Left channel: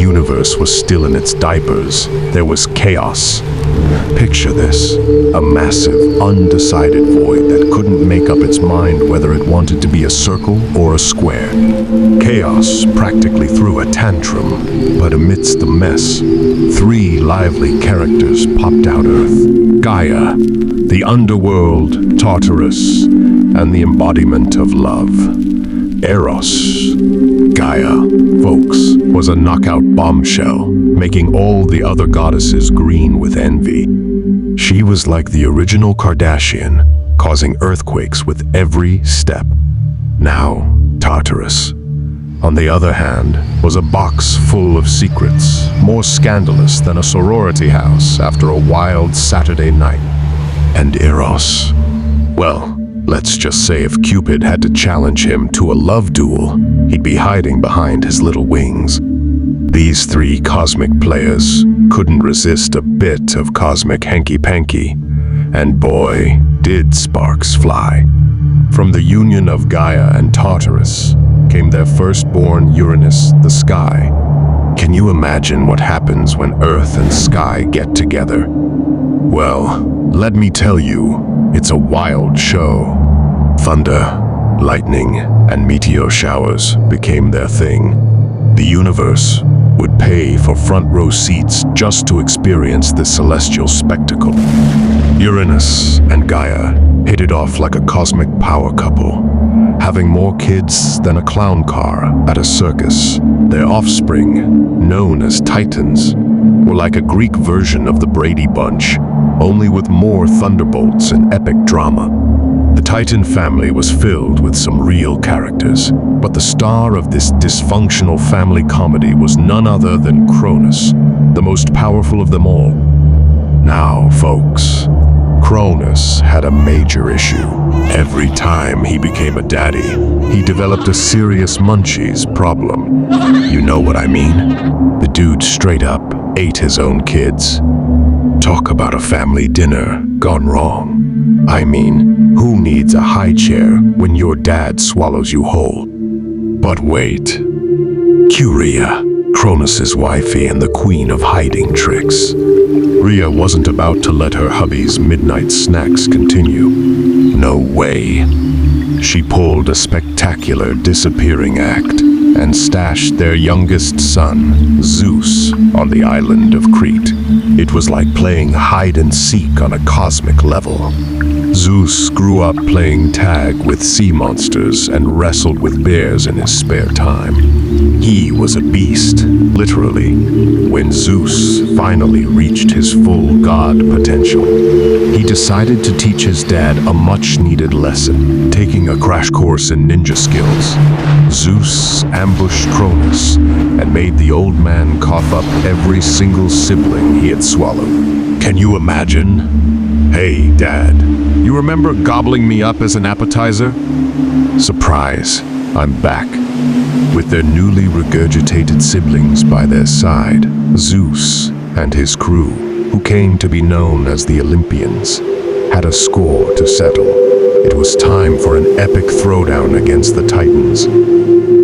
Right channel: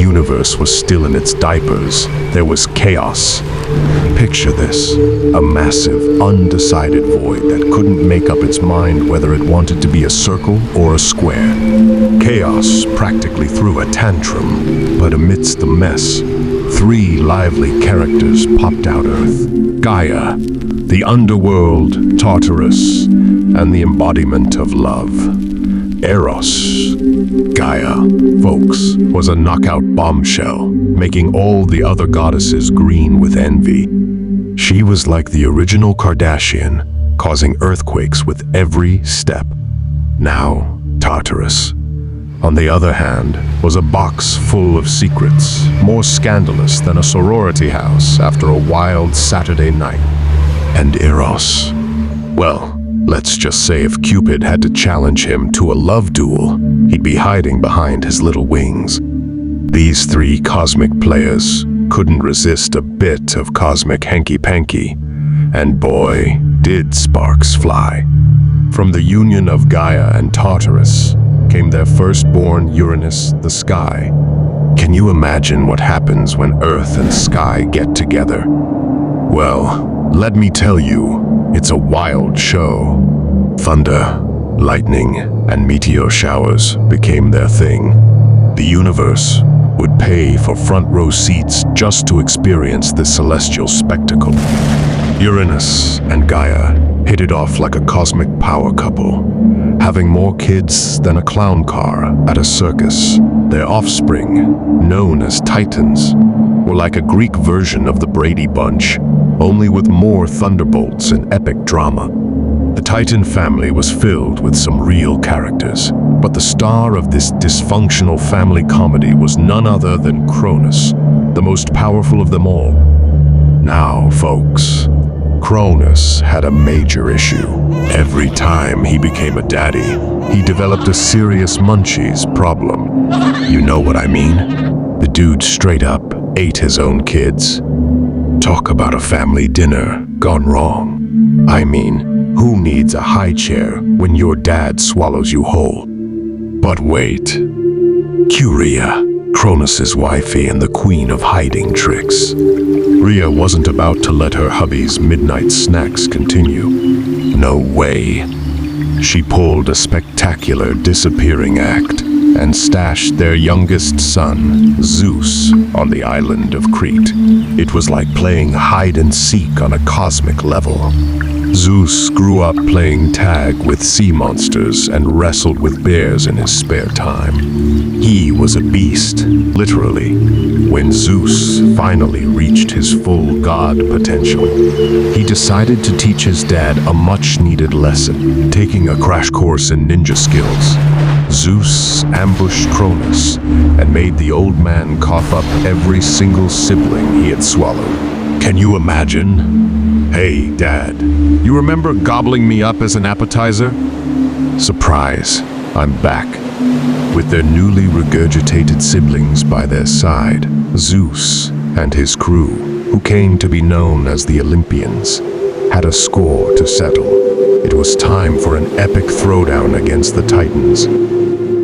universe was still in its diapers, there was chaos. Picture this, a massive, undecided void that couldn't make up its mind whether it wanted to be a circle or a square. Chaos practically threw a tantrum, but amidst the mess, three lively characters popped out Earth. Gaia, the underworld, Tartarus, and the embodiment of love, Eros. Gaia, folks, was a knockout bombshell, making all the other goddesses green with envy. She was like the original Kardashian, causing earthquakes with every step. Now, Tartarus, on the other hand, was a box full of secrets, more scandalous than a sorority house after a wild Saturday night. And Eros, well, let's just say if Cupid had to challenge him to a love duel, he'd be hiding behind his little wings. These three cosmic players couldn't resist a bit of cosmic hanky-panky, and boy, did sparks fly. From the union of Gaia and Tartarus came their firstborn Uranus, the sky. Can you imagine what happens when Earth and sky get together? Well, let me tell you, it's a wild show. Thunder, lightning, and meteor showers became their thing. The universe would pay for front-row seats just to experience this celestial spectacle. Uranus and Gaia hit it off like a cosmic power couple, having more kids than a clown car at a circus. Their offspring, known as Titans, were like a Greek version of the Brady Bunch, only with more thunderbolts and epic drama. The Titan family was filled with some real characters, but the star of this dysfunctional family comedy was none other than Cronus, the most powerful of them all. Now, folks, Cronus had a major issue. Every time he became a daddy, he developed a serious munchies problem. You know what I mean? The dude straight up ate his own kids. Talk about a family dinner gone wrong. I mean, who needs a high chair when your dad swallows you whole? But wait. Cue Rhea, Cronus's wifey and the queen of hiding tricks. Rhea wasn't about to let her hubby's midnight snacks continue. No way. She pulled a spectacular disappearing act and stashed their youngest son, Zeus, on the island of Crete. It was like playing hide-and-seek on a cosmic level. Zeus grew up playing tag with sea monsters and wrestled with bears in his spare time. He was a beast, literally. When Zeus finally reached his full god potential, he decided to teach his dad a much-needed lesson, taking a crash course in ninja skills. Zeus ambushed Cronus and made the old man cough up every single sibling he had swallowed. Can you imagine? Hey, Dad, you remember gobbling me up as an appetizer? Surprise, I'm back. With their newly regurgitated siblings by their side, Zeus and his crew, who came to be known as the Olympians, had a score to settle. It was time for an epic throwdown against the Titans.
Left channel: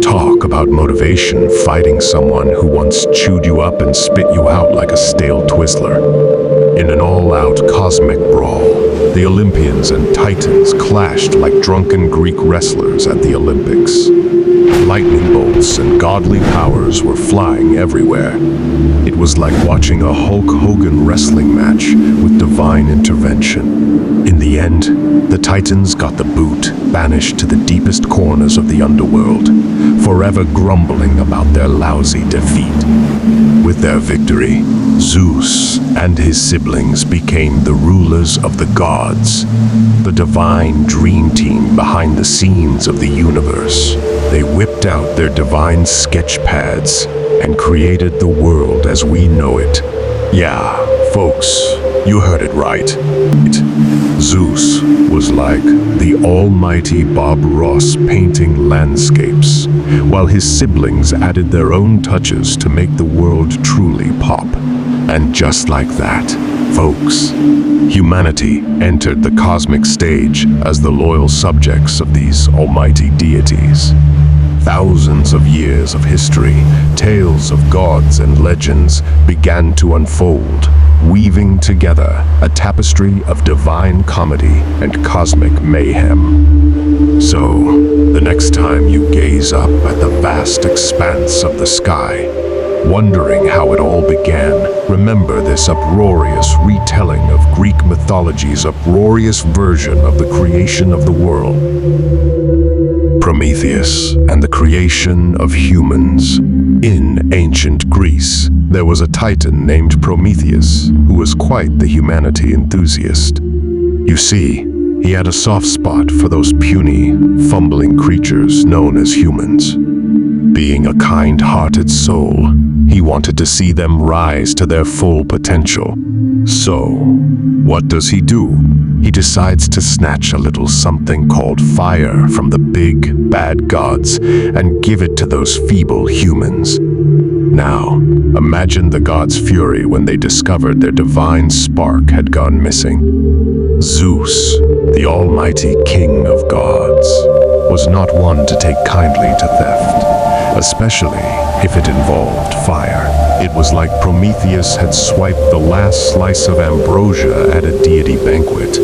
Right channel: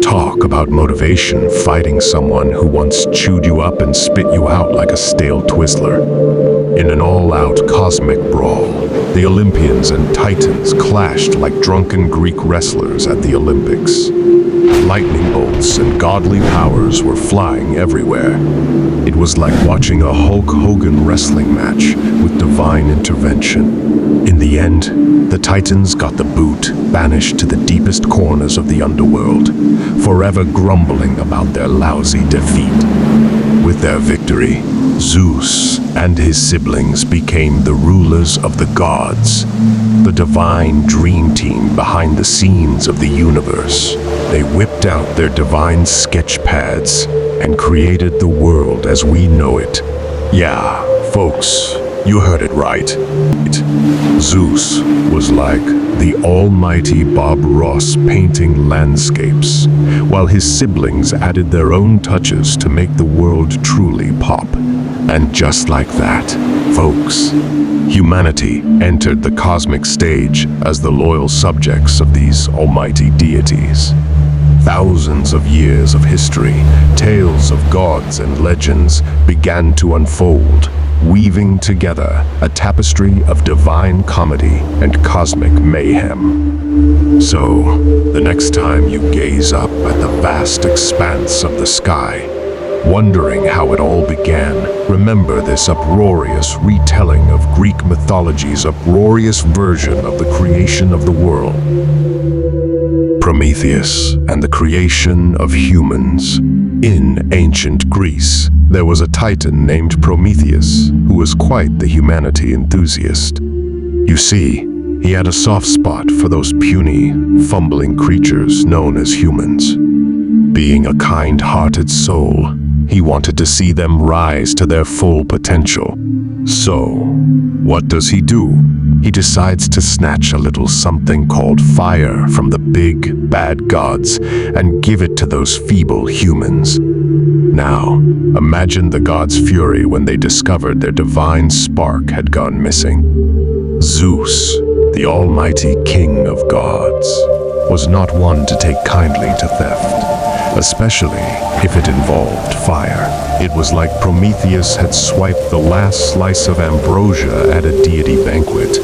Talk about motivation fighting someone who once chewed you up and spit you out like a stale Twizzler. In an all-out cosmic brawl, the Olympians and Titans clashed like drunken Greek wrestlers at the Olympics. Lightning bolts and godly powers were flying everywhere. It was like watching a Hulk Hogan wrestling match with divine intervention. In the end, the Titans got the boot, banished to the deepest corners of the underworld, forever grumbling about their lousy defeat. With their victory, Zeus and his siblings became the rulers of the gods, the divine dream team behind the scenes of the universe. They whipped out their divine sketch pads and created the world as we know it. Yeah, folks, you heard it right. Zeus was like the almighty Bob Ross painting landscapes, while his siblings added their own touches to make the world truly pop. And just like that, folks, humanity entered the cosmic stage as the loyal subjects of these almighty deities. Thousands of years of history, tales of gods and legends began to unfold, weaving together a tapestry of divine comedy and cosmic mayhem. So, the next time you gaze up at the vast expanse of the sky, wondering how it all began, remember this uproarious retelling of Greek mythology's uproarious version of the creation of the world. Prometheus and the creation of humans. In ancient Greece, there was a titan named Prometheus who was quite the humanity enthusiast. You see, he had a soft spot for those puny, fumbling creatures known as humans. Being a kind-hearted soul, he wanted to see them rise to their full potential. So, what does he do? He decides to snatch a little something called fire from the big, bad gods and give it to those feeble humans. Now, imagine the gods' fury when they discovered their divine spark had gone missing. Zeus, the almighty king of gods, was not one to take kindly to theft, especially if it involved fire. It was like Prometheus had swiped the last slice of ambrosia at a deity banquet.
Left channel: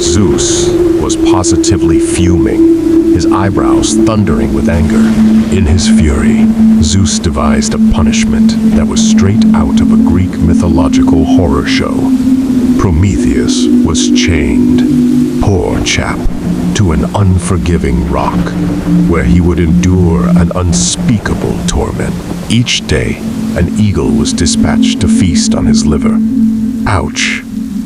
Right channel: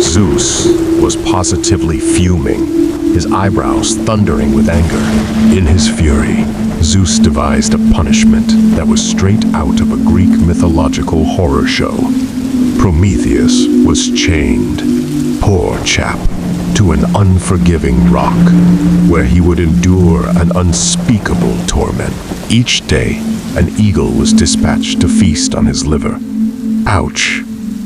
Zeus was positively fuming, his eyebrows thundering with anger. In his fury, Zeus devised a punishment that was straight out of a Greek mythological horror show. Prometheus was chained, poor chap, to an unforgiving rock, where he would endure an unspeakable torment. Each day, an eagle was dispatched to feast on his liver. Ouch!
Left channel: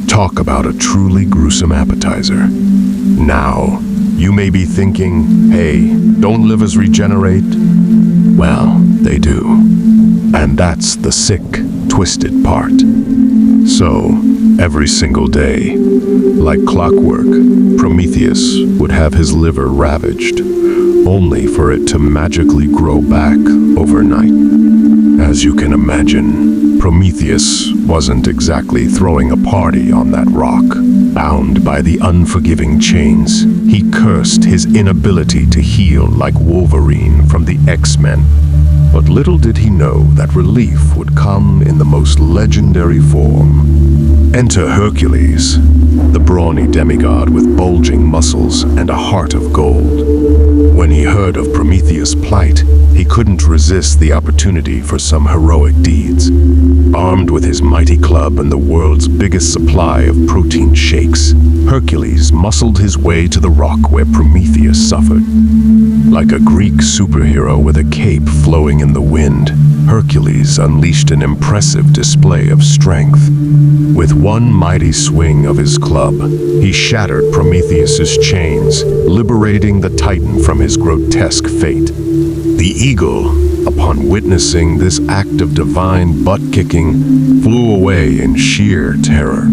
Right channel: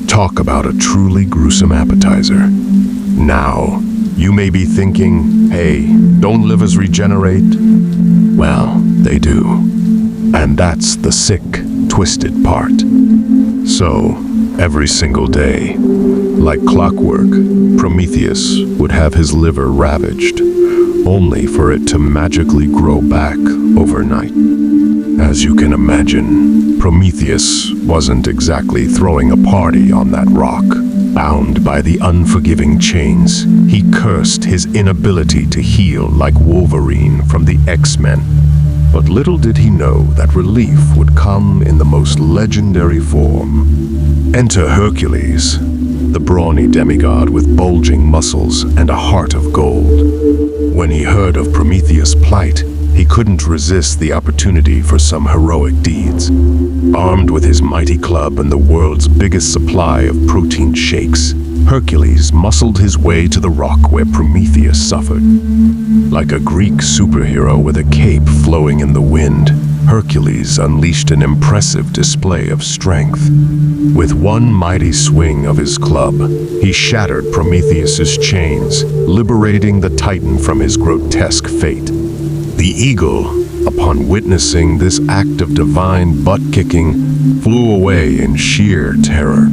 Talk about a truly gruesome appetizer. Now, you may be thinking, hey, don't livers regenerate? Well, they do. And that's the sick, twisted part. So, every single day, like clockwork, Prometheus would have his liver ravaged, only for it to magically grow back overnight. As you can imagine, Prometheus wasn't exactly throwing a party on that rock. Bound by the unforgiving chains, he cursed his inability to heal like Wolverine from the X-Men. But little did he know that relief would come in the most legendary form. Enter Hercules, the brawny demigod with bulging muscles and a heart of gold. When he heard of Prometheus' plight, he couldn't resist the opportunity for some heroic deeds. Armed with his mighty club and the world's biggest supply of protein shakes, Hercules muscled his way to the rock where Prometheus suffered. Like a Greek superhero with a cape flowing in the wind, Hercules unleashed an impressive display of strength. With one mighty swing of his club, he shattered Prometheus's chains, liberating the Titan from his grotesque fate. The eagle, upon witnessing this act of divine butt-kicking, flew away in sheer terror.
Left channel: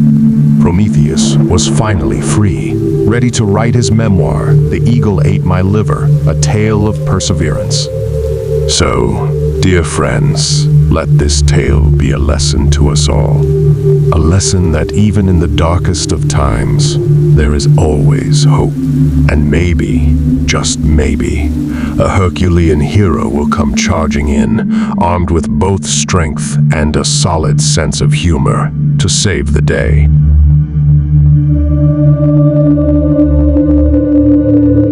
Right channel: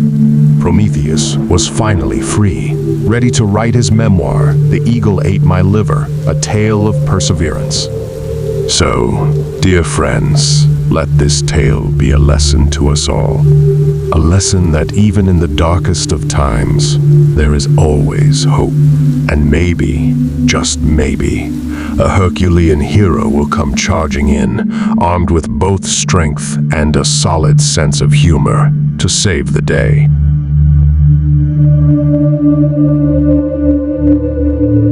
Prometheus was finally free, ready to write his memoir, The Eagle Ate My Liver, a tale of perseverance. So, dear friends, let this tale be a lesson to us all. A lesson that even in the darkest of times, there is always hope. And maybe, just maybe, a Herculean hero will come charging in, armed with both strength and a solid sense of humor, to save the day.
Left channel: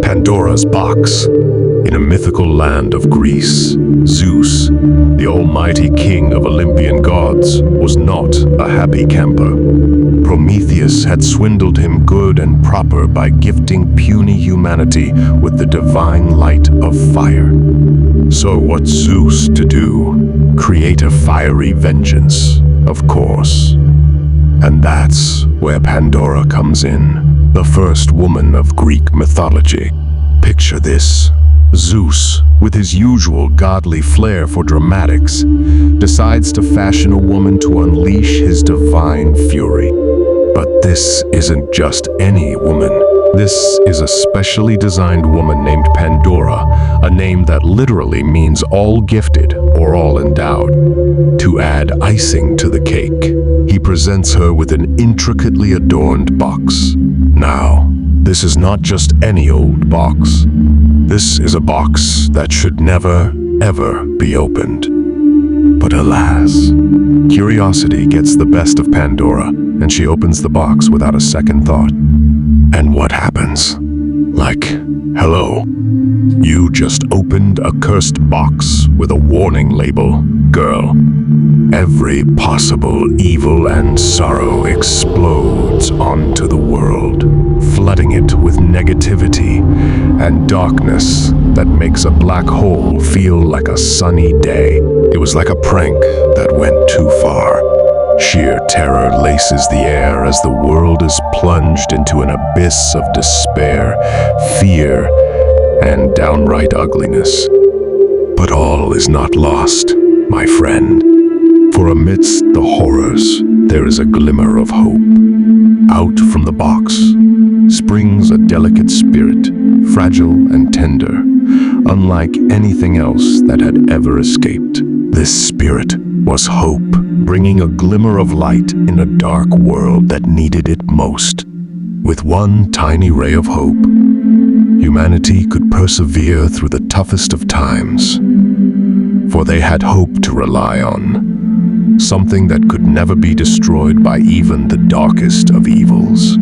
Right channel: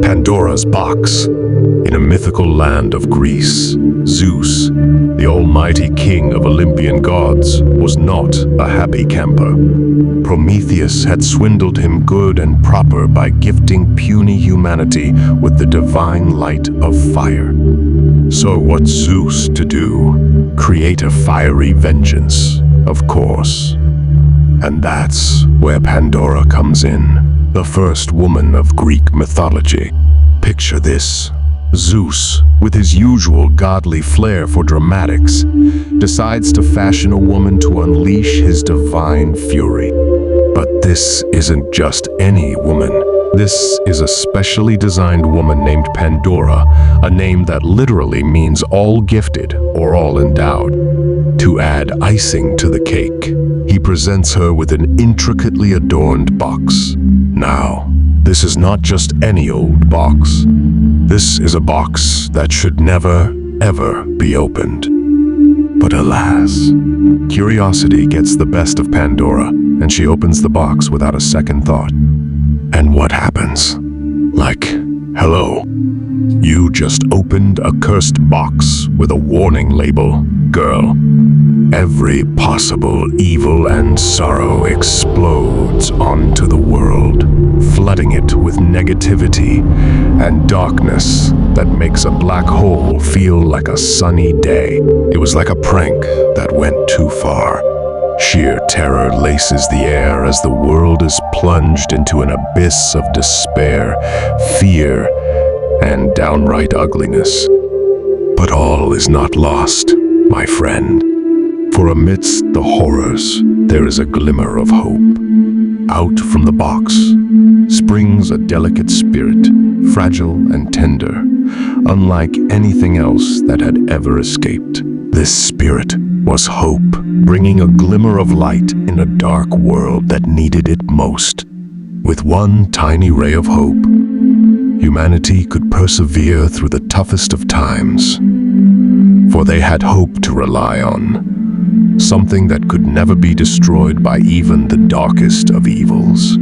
Pandora's box. In a mythical land of Greece, Zeus, the almighty king of Olympian gods, was not a happy camper. Prometheus had swindled him good and proper by gifting puny humanity with the divine light of fire. So what's Zeus to do? Create a fiery vengeance, of course. And that's where Pandora comes in, the first woman of Greek mythology. Picture this. Zeus, with his usual godly flair for dramatics, decides to fashion a woman to unleash his divine fury. But this isn't just any woman. This is a specially designed woman named Pandora, a name that literally means all gifted or all endowed. To add icing to the cake, he presents her with an intricately adorned box. Now, this is not just any old box. This is a box that should never, ever be opened. But alas, curiosity gets the best of Pandora, and she opens the box without a second thought. And what happens? Like, hello, you just opened a cursed box with a warning label, girl. Every possible evil and sorrow explodes onto the world, flooding it with negativity and darkness that makes a black hole feel like a sunny day. It was like a prank that went too far. Sheer terror laces the air as the world is plunged into an abyss of despair, fear, and downright ugliness. But all is not lost, my friend. For amidst the horrors, there is a glimmer of hope. Out from the box springs a delicate spirit, fragile and tender, unlike anything else that had ever escaped. This spirit was hope, bringing a glimmer of light in a dark world that needed it most. With one tiny ray of hope, humanity could persevere through the toughest of times. For they had hope to rely on, something that could never be destroyed by even the darkest of evils.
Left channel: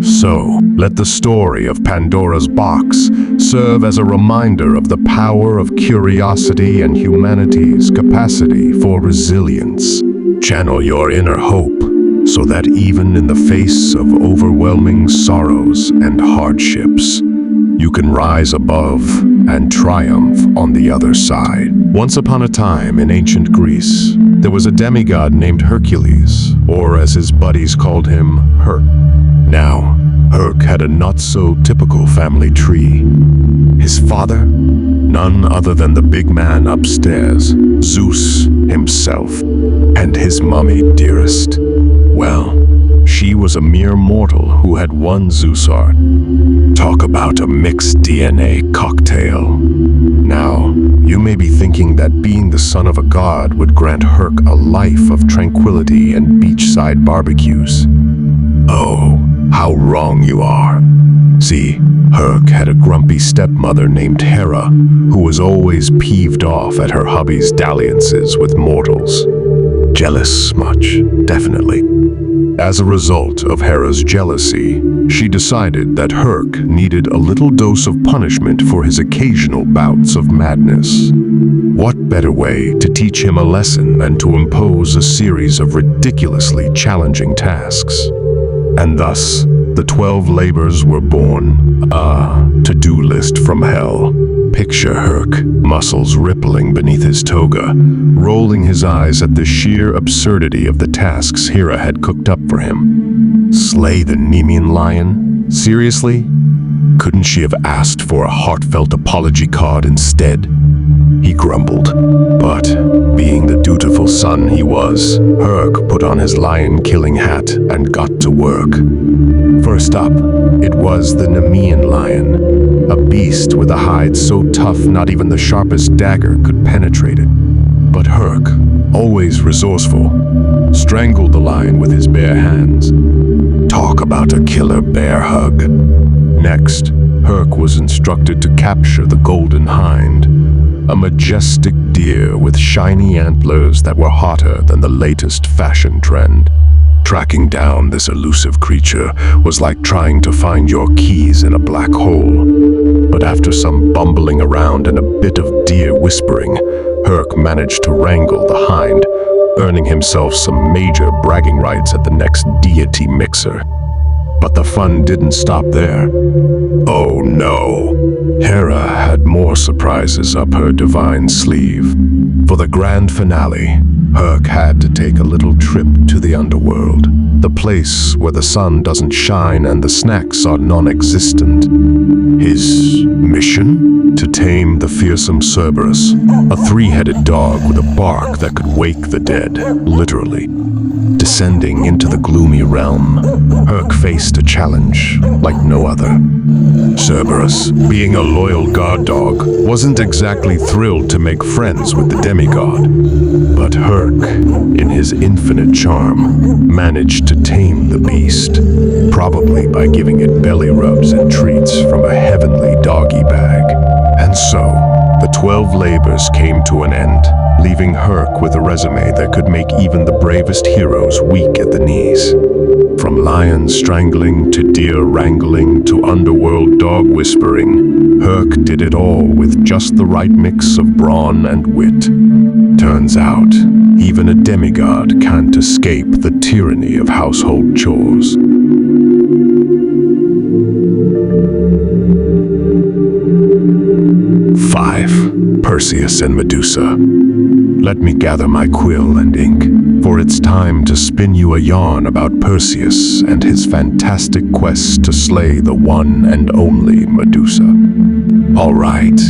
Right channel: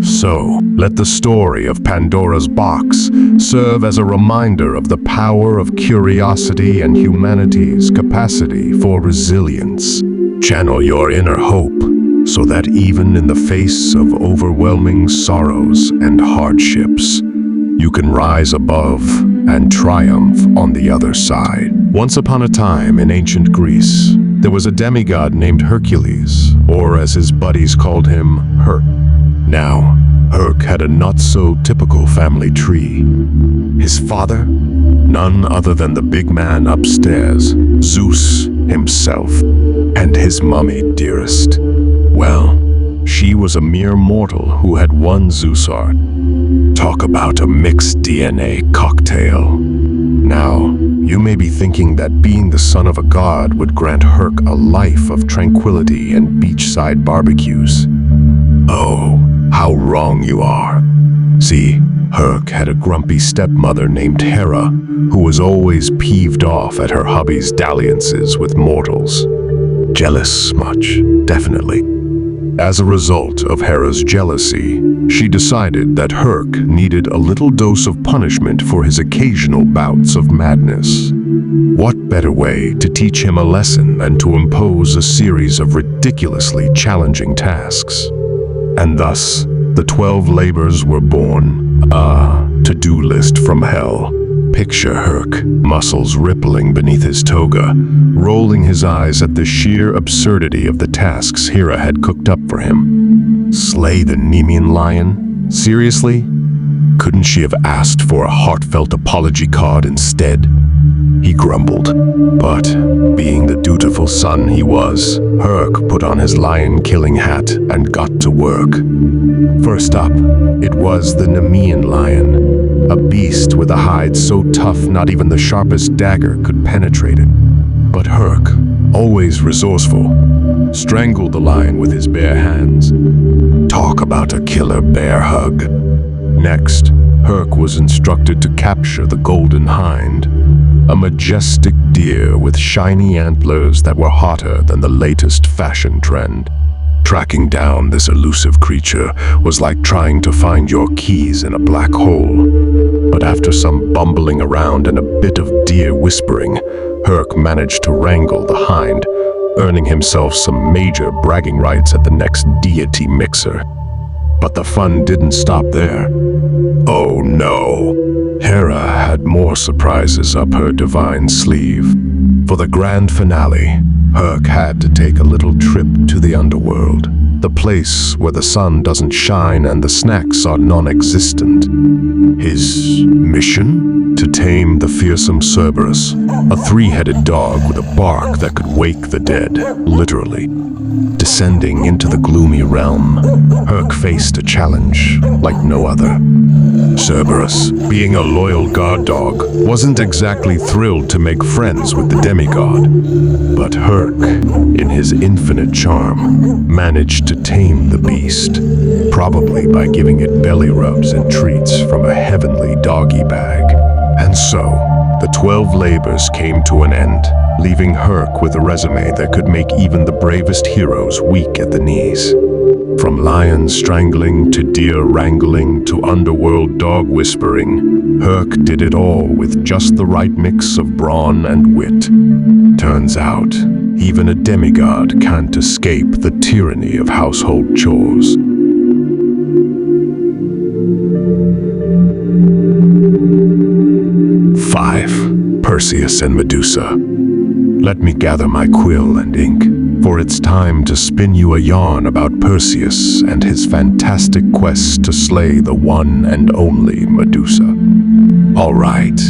So, let the story of Pandora's box serve as a reminder of the power of curiosity and humanity's capacity for resilience. Channel your inner hope so that even in the face of overwhelming sorrows and hardships, you can rise above and triumph on the other side. Once upon a time in ancient Greece, there was a demigod named Hercules, or as his buddies called him, Herc. Now, Herc had a not-so-typical family tree. His father? None other than the big man upstairs, Zeus himself. And his mummy, dearest. Well, she was a mere mortal who had one Zeus art. Talk about a mixed DNA cocktail. Now, you may be thinking that being the son of a god would grant Herc a life of tranquility and beachside barbecues. Oh, how wrong you are. See, Herc had a grumpy stepmother named Hera, who was always peeved off at her hubby's dalliances with mortals. Jealous much, definitely. As a result of Hera's jealousy, she decided that Herc needed a little dose of punishment for his occasional bouts of madness. What better way to teach him a lesson than to impose a series of ridiculously challenging tasks? And thus, the 12 labors were born, a to-do list from hell. Picture Herc, muscles rippling beneath his toga, rolling his eyes at the sheer absurdity of the tasks Hera had cooked up for him. Slay the Nemean lion? Seriously? Couldn't she have asked for a heartfelt apology card instead? He grumbled. But, being the dutiful son he was, Herc put on his lion-killing hat and got to work. First up, it was the Nemean lion, a beast with a hide so tough not even the sharpest dagger could penetrate it. But Herc, always resourceful, strangled the lion with his bare hands. Talk about a killer bear hug. Next, Herc was instructed to capture the golden hind, a majestic deer with shiny antlers that were hotter than the latest fashion trend. Tracking down this elusive creature was like trying to find your keys in a black hole. But after some bumbling around and a bit of deer whispering, Herc managed to wrangle the hind, earning himself some major bragging rights at the next deity mixer. But the fun didn't stop there. Oh no! Hera had more surprises up her divine sleeve. For the grand finale, Herc had to take a little trip to the underworld, the place where the sun doesn't shine and the snacks are non-existent. His mission? To tame the fearsome Cerberus, a three-headed dog with a bark that could wake the dead, literally. Descending into the gloomy realm, Herc faced a challenge like no other. Cerberus, being a loyal guard dog, wasn't exactly thrilled to make friends with the demigod. But Herc, in his infinite charm, managed to tame the beast, probably by giving it belly rubs and treats from a heavenly doggy bag. And so, the 12 labors came to an end, leaving Herc with a resume that could make even the bravest heroes weak at the knees. From lion strangling to deer wrangling to underworld dog whispering, Herc did it all with just the right mix of brawn and wit. Turns out, even a demigod can't escape the tyranny of household chores. Perseus and Medusa. Let me gather my quill and ink, for it's time to spin you a yarn about Perseus and his fantastic quest to slay the one and only Medusa. All right,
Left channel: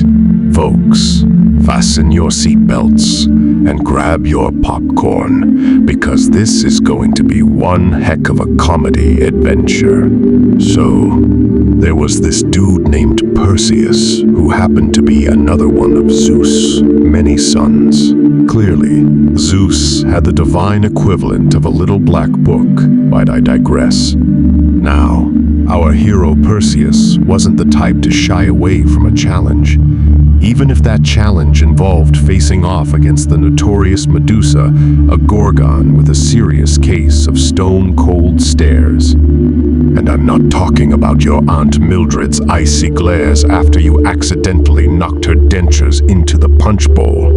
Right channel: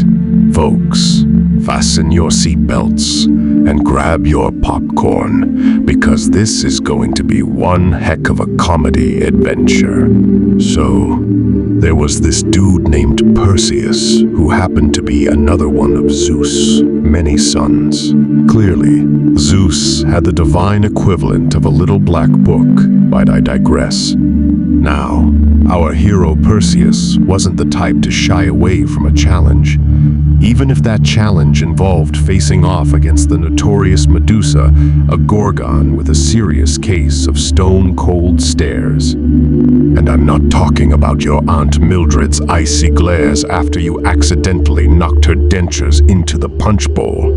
folks, fasten your seatbelts and grab your popcorn, because this is going to be one heck of a comedy adventure. So, there was this dude named Perseus, who happened to be another one of Zeus' many sons. Clearly, Zeus had the divine equivalent of a little black book, but I digress. Now, our hero Perseus wasn't the type to shy away from a challenge, even if that challenge involved facing off against the notorious Medusa, a gorgon with a serious case of stone-cold stares. And I'm not talking about your Aunt Mildred's icy glares after you accidentally knocked her dentures into the punch bowl.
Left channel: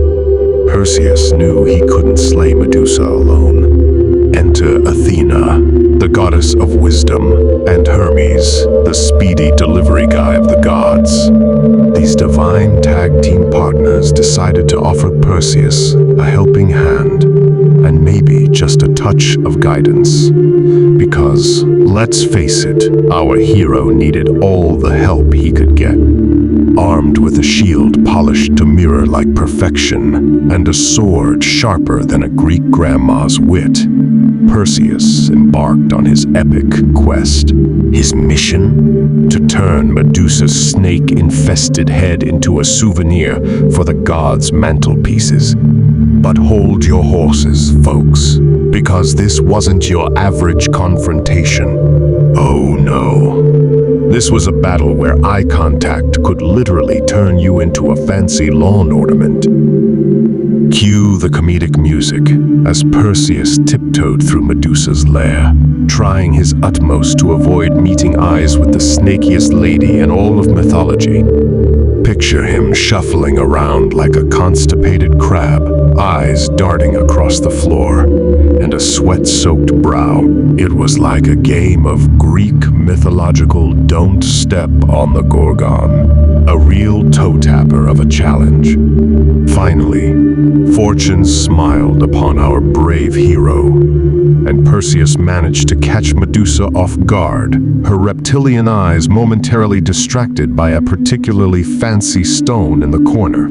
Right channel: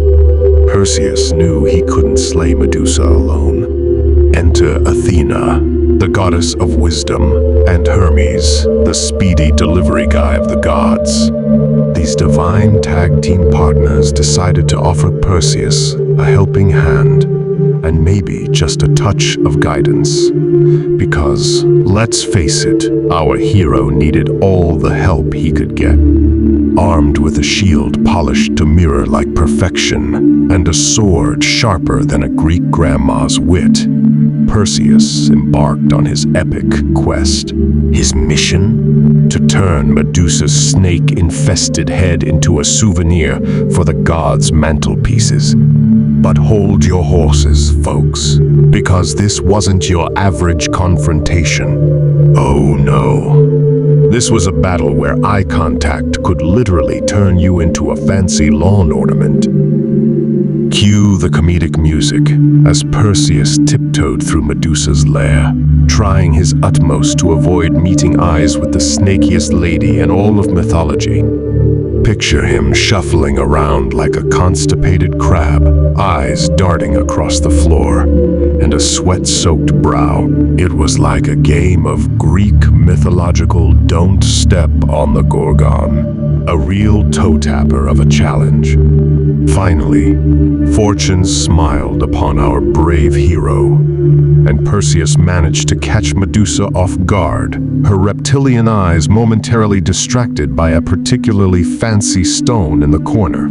Perseus knew he couldn't slay Medusa alone. Enter Athena, the goddess of wisdom, and Hermes, the speedy delivery guy of the gods. These divine tag team partners decided to offer Perseus a helping hand, and maybe just a touch of guidance. Because, let's face it, our hero needed all the help he could get. Armed with a shield polished to mirror like perfection, and a sword sharper than a Greek grandma's wit, Perseus embarked on his epic quest. His mission? To turn Medusa's snake-infested head into a souvenir for the gods' mantelpieces. But hold your horses, folks, because this wasn't your average confrontation. Oh no. This was a battle where eye contact could literally turn you into a fancy lawn ornament. Cue the comedic music as Perseus tiptoed through Medusa's lair, trying his utmost to avoid meeting eyes with the snakiest lady in all of mythology. Picture him shuffling around like a constipated crab, eyes darting across the floor, and a sweat-soaked brow. It was like a game of Greek mythological don't step on the Gorgon, a real toe-tapper of a challenge. Finally, fortune smiled upon our brave hero, and Perseus managed to catch Medusa off guard, her reptilian eyes momentarily distracted by a particularly fancy stone in the corner.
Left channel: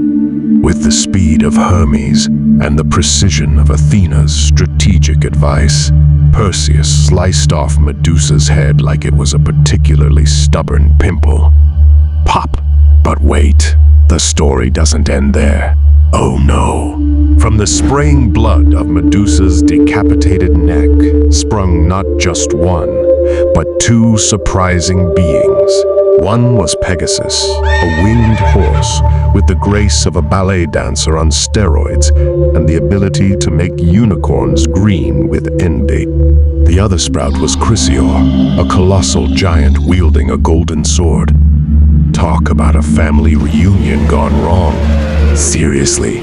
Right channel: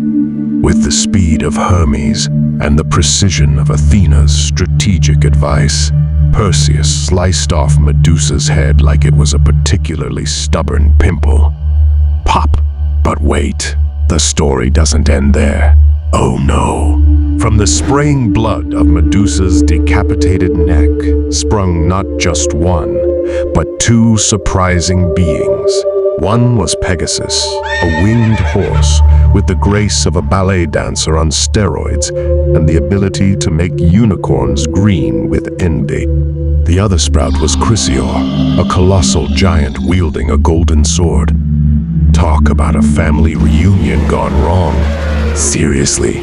With the speed of Hermes and the precision of Athena's strategic advice, Perseus sliced off Medusa's head like it was a particularly stubborn pimple. Pop! But wait, the story doesn't end there. Oh no. From the spraying blood of Medusa's decapitated neck sprung not just one, but two surprising beings. One was Pegasus, a winged horse with the grace of a ballet dancer on steroids and the ability to make unicorns green with envy. The other sprout was Chrysaor, a colossal giant wielding a golden sword. Talk about a family reunion gone wrong. Seriously,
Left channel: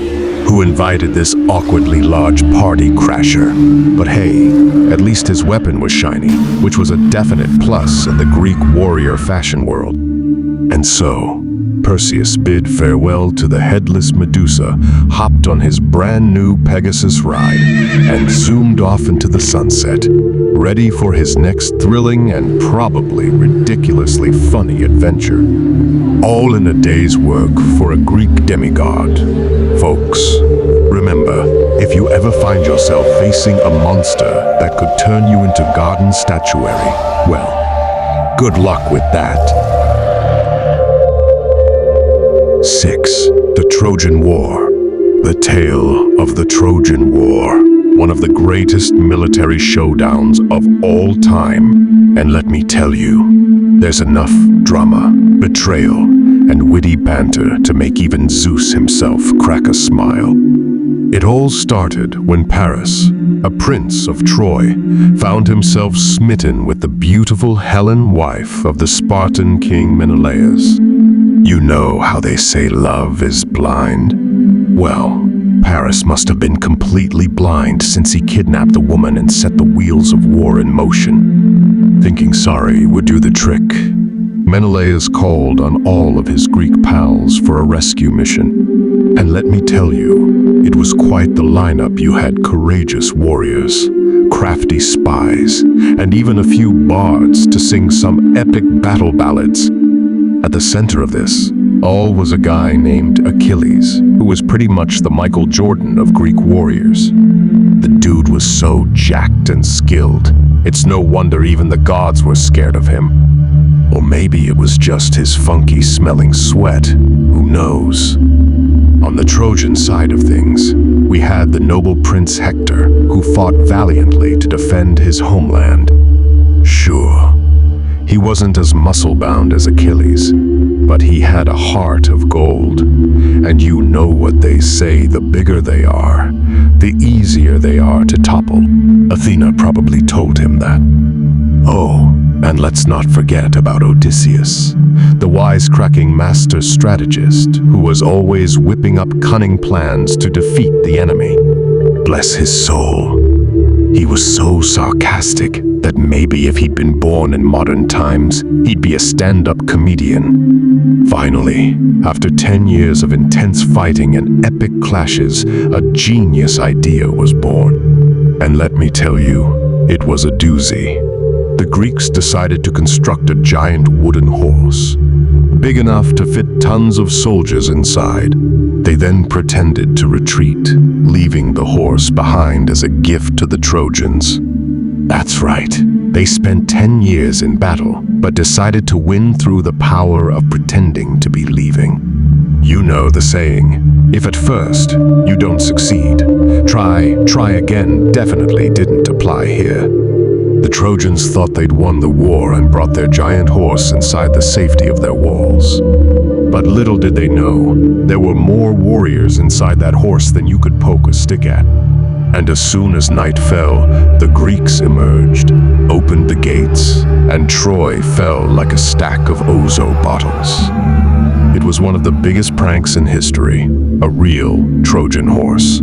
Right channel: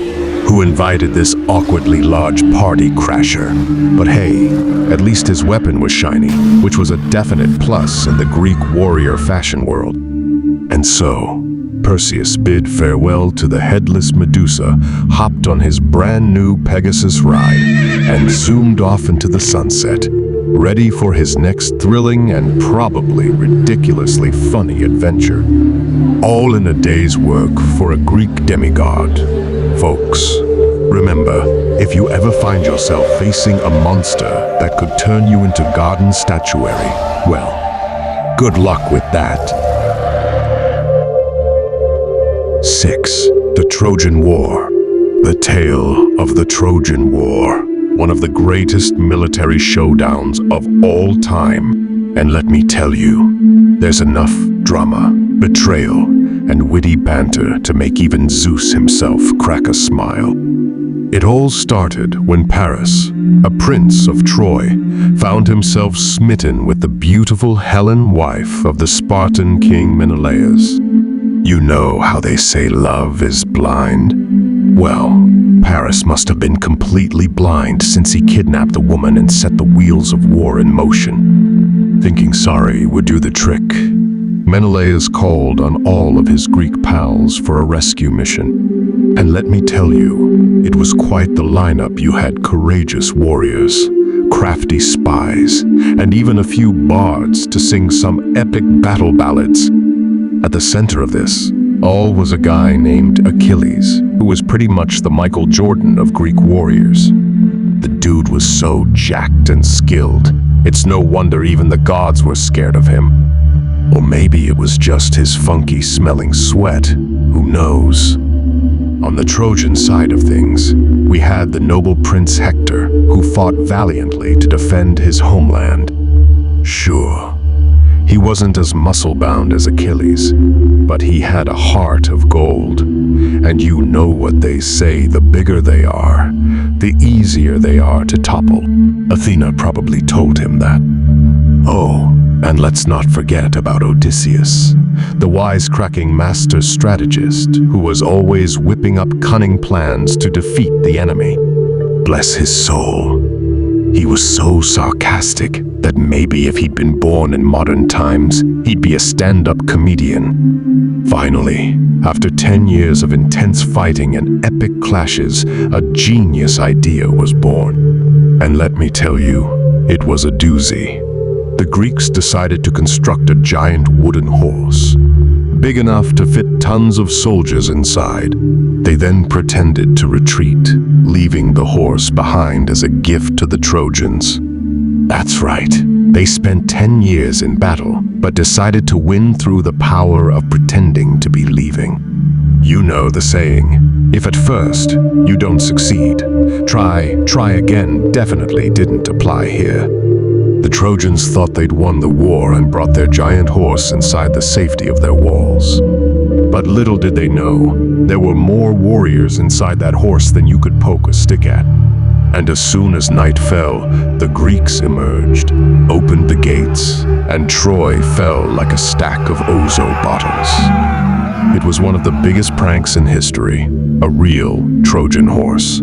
who invited this awkwardly large party crasher? But hey, at least his weapon was shiny, which was a definite plus in the Greek warrior fashion world. And so, Perseus bid farewell to the headless Medusa, hopped on his brand new Pegasus ride, and zoomed off into the sunset, ready for his next thrilling and probably ridiculously funny adventure. All in a day's work for a Greek demigod. Folks, remember, if you ever find yourself facing a monster that could turn you into garden statuary, well, good luck with that. 6. The Trojan War. The tale of the Trojan War, one of the greatest military showdowns of all time. And let me tell you, there's enough drama, betrayal, and witty banter to make even Zeus himself crack a smile. It all started when Paris, a prince of Troy, found himself smitten with the beautiful Helen, wife of the Spartan king Menelaus. You know how they say love is blind? Well, Paris must have been completely blind since he kidnapped the woman and set the wheels of war in motion. Thinking sorry would do the trick, Menelaus called on all of his Greek pals for a rescue mission. And let me tell you, it was quite the lineup. You had courageous warriors, crafty spies, and even a few bards to sing some epic battle ballads. At the center of this all was a guy named Achilles, who was pretty much the Michael Jordan of Greek warriors. The dude was so jacked and skilled, it's no wonder even the gods were scared of him. Or maybe it was just his funky smelling sweat, who knows? On the Trojan side of things, we had the noble Prince Hector, who fought valiantly to defend his homeland. Sure, he wasn't as muscle-bound as Achilles, but he had a heart of gold. And you know what they say, the bigger they are, the easier they are to topple. Athena probably told him that. Oh, and let's not forget about Odysseus, the wisecracking master strategist who was always whipping up cunning plans to defeat the enemy. Bless his soul. He was so sarcastic that maybe if he'd been born in modern times, he'd be a stand-up comedian. Finally, after 10 years of intense fighting and epic clashes, a genius idea was born. And let me tell you, it was a doozy. The Greeks decided to construct a giant wooden horse, big enough to fit tons of soldiers inside. They then pretended to retreat, leaving the horse behind as a gift to the Trojans. That's right, they spent 10 years in battle, but decided to win through the power of pretending to be leaving. You know the saying, if at first you don't succeed, try again definitely didn't apply here. The Trojans thought they'd won the war and brought their giant horse inside the safety of their walls. But little did they know, there were more warriors inside that horse than you could poke a stick at. And as soon as night fell, the Greeks emerged, opened the gates, and Troy fell like a stack of Ozo bottles. It was one of the biggest pranks in history, a real Trojan horse.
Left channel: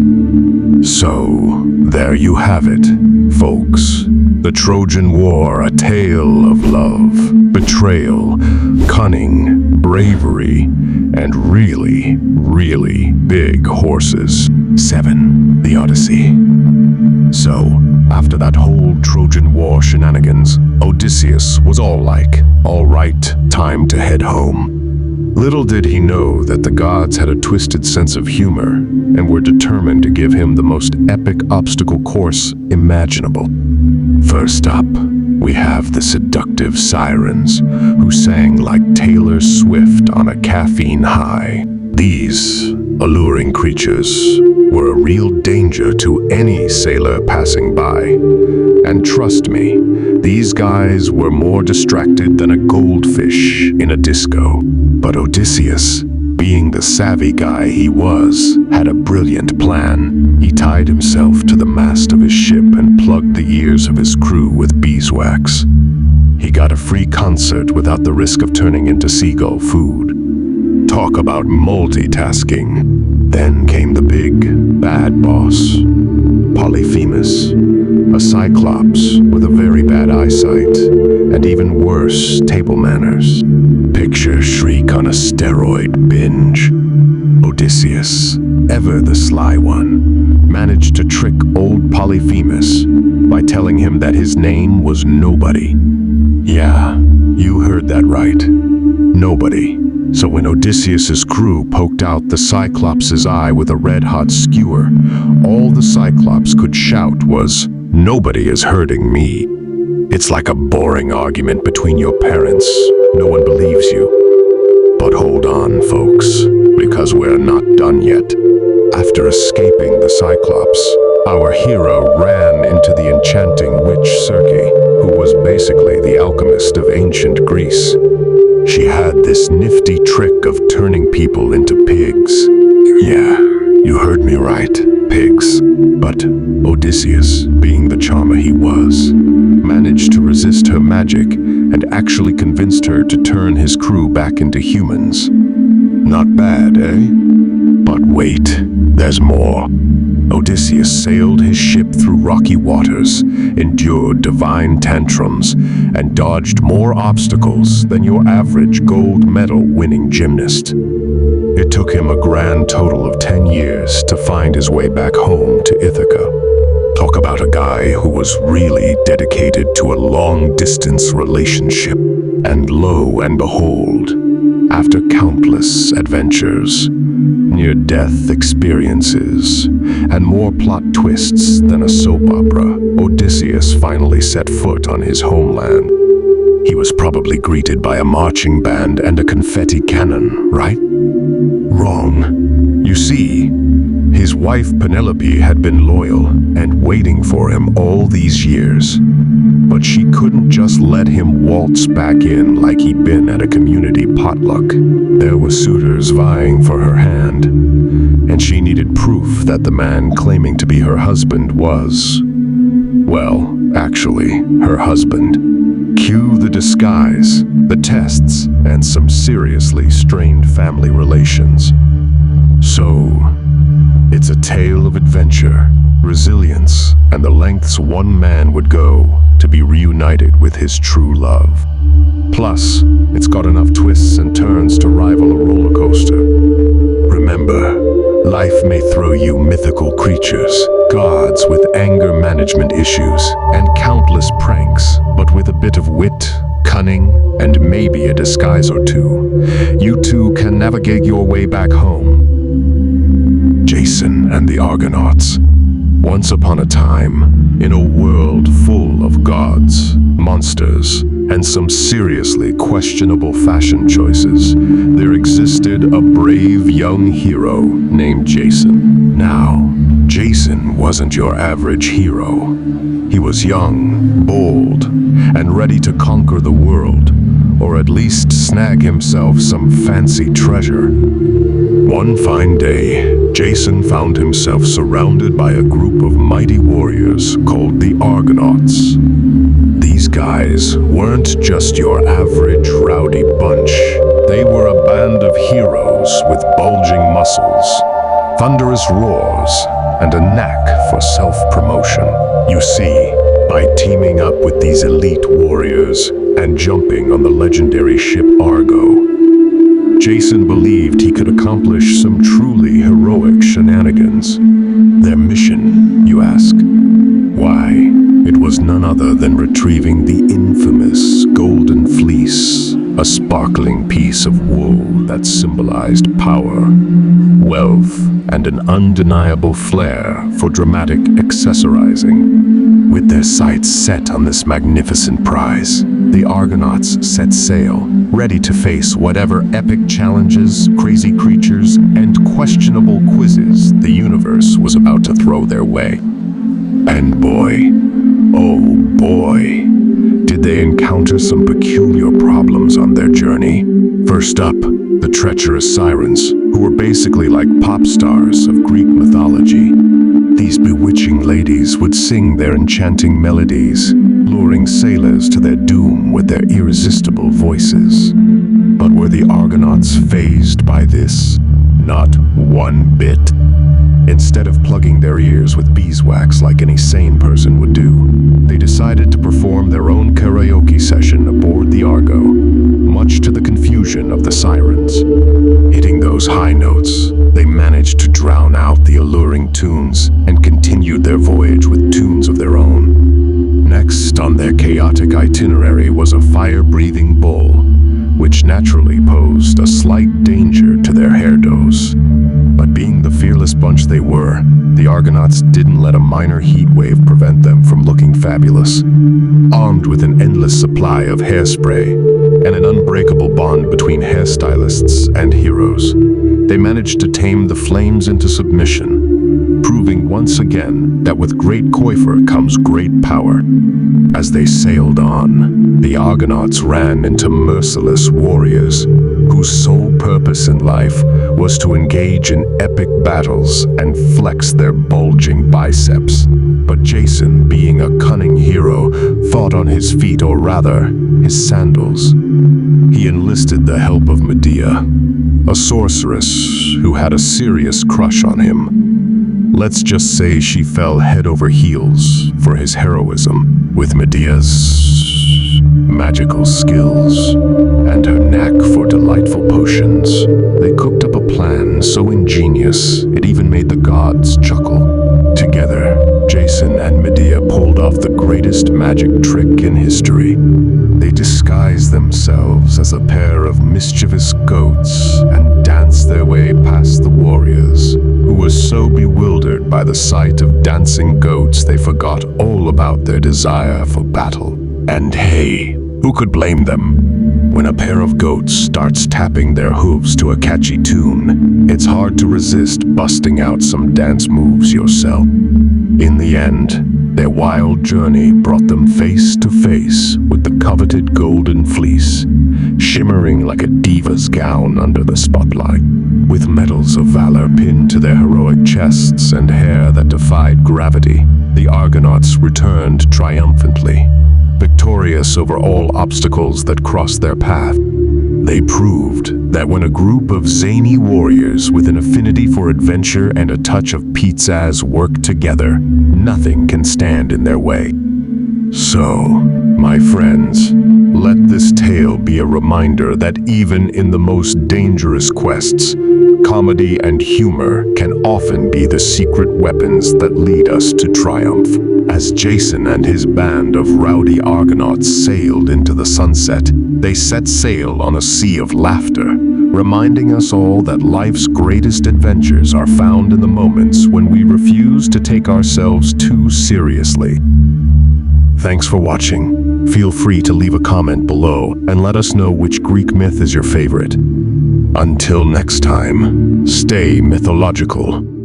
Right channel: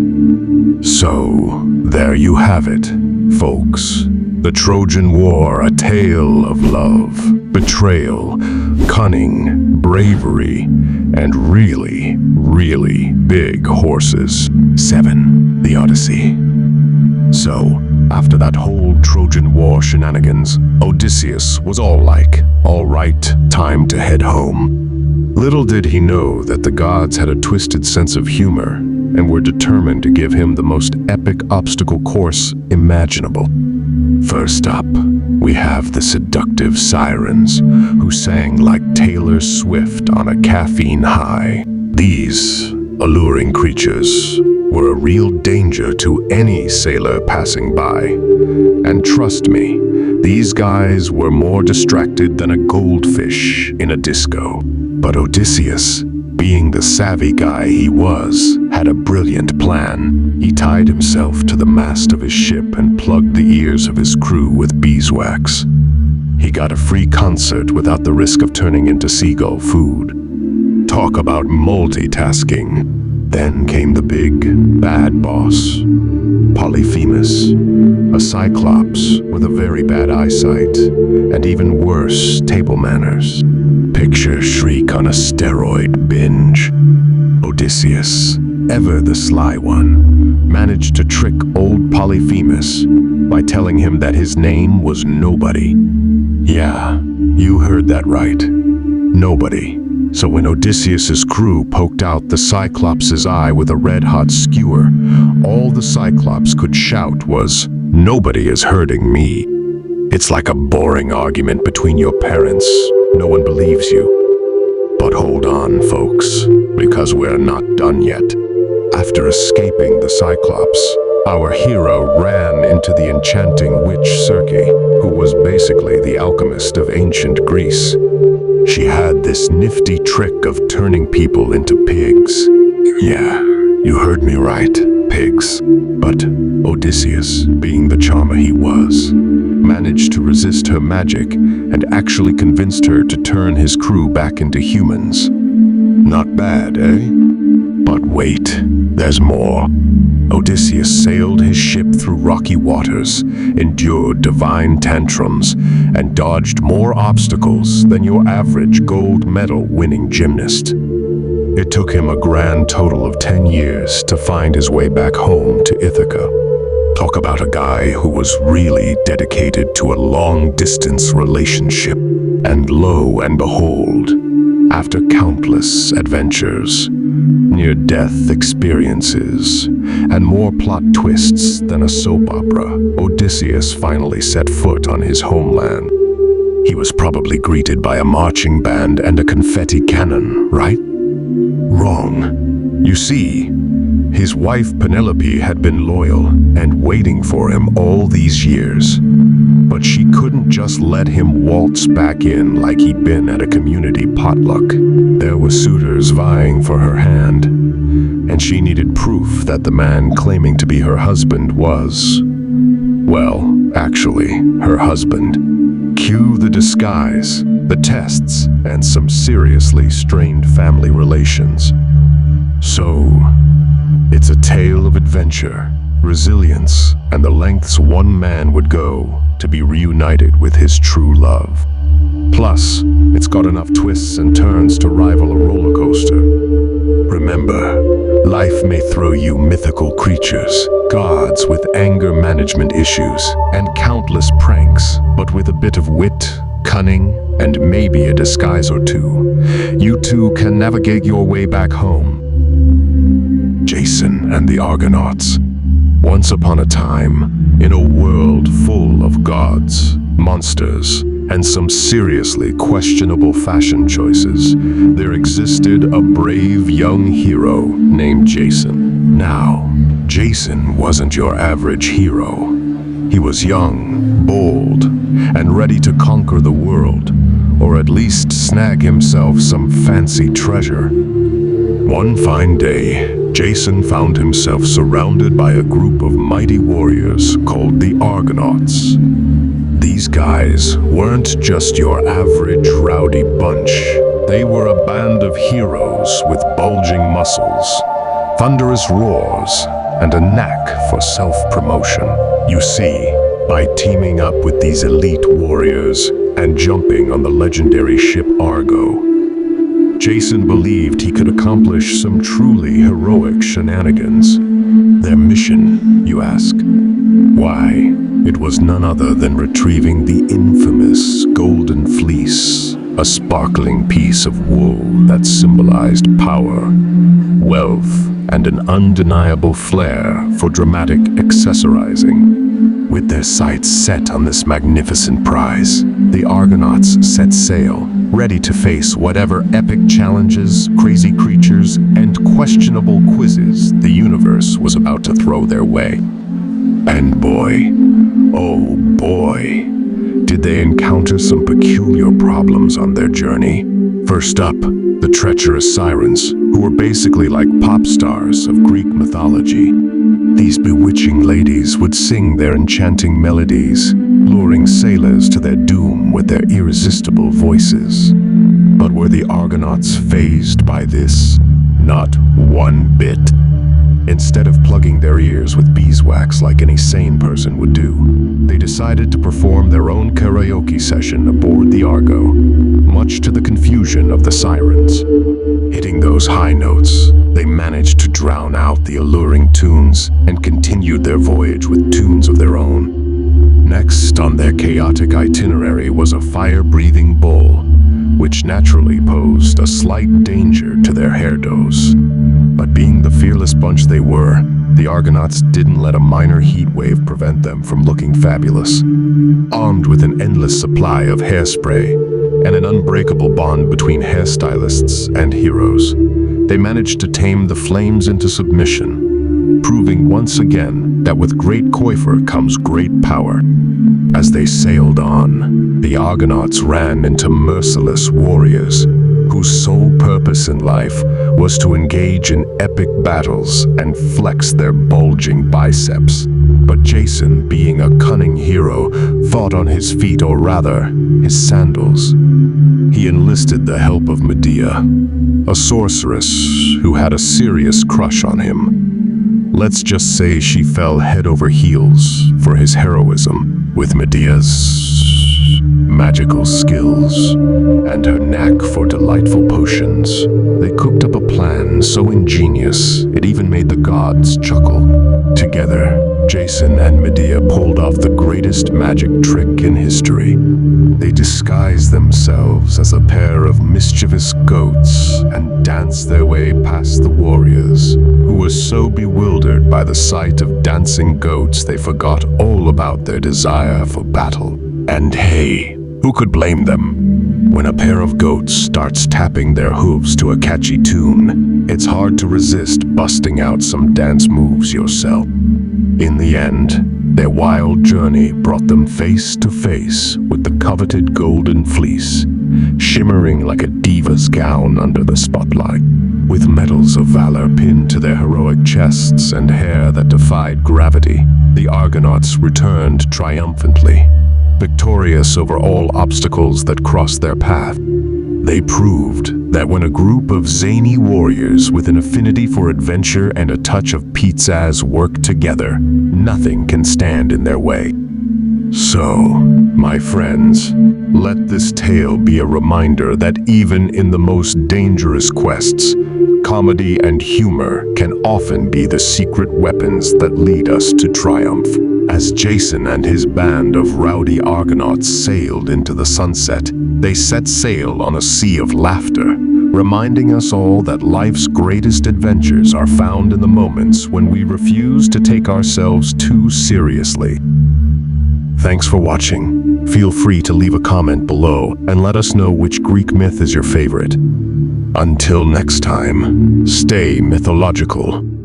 So, there you have it, folks. The Trojan War, a tale of love, betrayal, cunning, bravery, and really, really big horses. 7. The Odyssey. So, after that whole Trojan War shenanigans, Odysseus was all right, time to head home. Little did he know that the gods had a twisted sense of humor and were determined to give him the most epic obstacle course imaginable. First up, we have the seductive sirens, who sang like Taylor Swift on a caffeine high. These alluring creatures were a real danger to any sailor passing by. And trust me, these guys were more distracted than a goldfish in a disco. But Odysseus, being the savvy guy he was, had a brilliant plan. He tied himself to the mast of his ship and plugged the ears of his crew with beeswax. He got a free concert without the risk of turning into seagull food. Talk about multitasking. Then came the big, bad boss, Polyphemus, a cyclops with a very bad eyesight, and even worse, table manners. Picture Shriek on a steroid binge. Odysseus, ever the sly one, managed to trick old Polyphemus by telling him that his name was Nobody. Yeah, you heard that right. Nobody. So when Odysseus's crew poked out the Cyclops' eye with a red-hot skewer, all the Cyclops could shout was, "Nobody is hurting me." It's like a boring argument between your parents. No one believes you. But hold on, folks, because we're not done yet. After escaping the Cyclops, our hero ran into the enchanting witch Circe, who was basically the alchemist of ancient Greece. She had this nifty trick of turning people into pigs. Yeah, you heard me right, pigs. But Odysseus, being the charmer he was, managed to resist her magic and actually convinced her to turn his crew back into humans. Not bad, eh? But wait, there's more. Odysseus sailed his ship through rocky waters, endured divine tantrums, and dodged more obstacles than your average gold medal winning gymnast. It took him a grand total of 10 years to find his way back home to Ithaca. Talk about a guy who was really dedicated to a long-distance relationship. And lo and behold, after countless adventures, near-death experiences, and more plot twists than a soap opera, Odysseus finally set foot on his homeland. He was probably greeted by a marching band and a confetti cannon, right? Wrong. You see, his wife Penelope had been loyal and waiting for him all these years. But she couldn't just let him waltz back in like he'd been at a community potluck. There were suitors vying for her hand, and she needed proof that the man claiming to be her husband was, well, actually, her husband. Cue the disguise, the tests, and some seriously strained family relations. So, it's a tale of adventure, resilience, and the lengths one man would go to be reunited with his true love. Plus, it's got enough twists and turns to rival a roller coaster. Remember, life may throw you mythical creatures, gods with anger management issues, and countless pranks, but with a bit of wit, cunning, and maybe a disguise or two, you too can navigate your way back home. Jason and the Argonauts. Once upon a time, in a world full of gods, monsters, and some seriously questionable fashion choices, there existed a brave young hero named Jason. Now, Jason wasn't your average hero. He was young, bold, and ready to conquer the world, or at least snag himself some fancy treasure. One fine day, Jason found himself surrounded by a group of mighty warriors called the Argonauts. These guys weren't just your average rowdy bunch. They were a band of heroes with bulging muscles, thunderous roars, and a knack for self-promotion. You see, by teaming up with these elite warriors and jumping on the legendary ship Argo, Jason believed he could accomplish some truly heroic shenanigans. Their mission, you ask? Why, it was none other than retrieving the infamous Golden Fleece, a sparkling piece of wool that symbolized power, wealth, and an undeniable flair for dramatic accessorizing. With their sights set on this magnificent prize, the Argonauts set sail, ready to face whatever epic challenges, crazy creatures, and questionable quizzes the universe was about to throw their way. And boy, oh boy, did they encounter some peculiar problems on their journey. First up, the treacherous sirens, who were basically like pop stars of Greek mythology. These bewitching ladies would sing their enchanting melodies, luring sailors to their doom with their irresistible voices. But were the Argonauts fazed by this? Not one bit. Instead of plugging their ears with beeswax like any sane person would do, they decided to perform their own karaoke session aboard the Argo, much to the confusion of the sirens. Hitting those high notes, they managed to drown out the alluring tunes and continued their voyage with tunes of their own. Next on their chaotic itinerary was a fire-breathing bull, which naturally posed a slight danger to their hairdos. But being the fearless bunch they were, the Argonauts didn't let a minor heat wave prevent them from looking fabulous. Armed with an endless supply of hairspray and an unbreakable bond between hairstylists and heroes, they managed to tame the flames into submission, proving once again that with great coiffure comes great power. As they sailed on, the Argonauts ran into merciless warriors whose sole purpose in life was to engage in epic battles and flex their bulging biceps. But Jason, being a cunning hero, fought on his feet, or rather, his sandals. He enlisted the help of Medea, a sorceress who had a serious crush on him. Let's just say she fell head over heels for his heroism. With Medea's magical skills and her knack for delightful potions, they cooked up a plan so ingenious it even made the gods chuckle. Together, Jason and Medea pulled off the greatest magic trick in history. They disguised themselves as a pair of mischievous goats and danced their way past the warriors, who were so bewildered by the sight of dancing goats they forgot all about their desire for battle. And hey, who could blame them? When a pair of goats starts tapping their hooves to a catchy tune, it's hard to resist busting out some dance moves yourself. In the end, their wild journey brought them face to face with the coveted golden fleece, shimmering like a diva's gown under the spotlight. With medals of valor pinned to their heroic chests and hair that defied gravity, the Argonauts returned triumphantly, victorious over all obstacles that crossed their path. They proved that when a group of zany warriors with an affinity for adventure and a touch of pizzazz work together, nothing can stand in their way. So, my friends, let this tale be a reminder that even in the most dangerous quests, comedy and humor can often be the secret weapons that lead us to triumph. As Jason and his band of rowdy Argonauts sailed into the sunset, they set sail on a sea of laughter, reminding us all that life's greatest adventures are found in the moments when we refuse to take ourselves too seriously. Thanks for watching. Feel free to leave a comment below and let us know which Greek myth is your favorite. Until next time, stay mythological.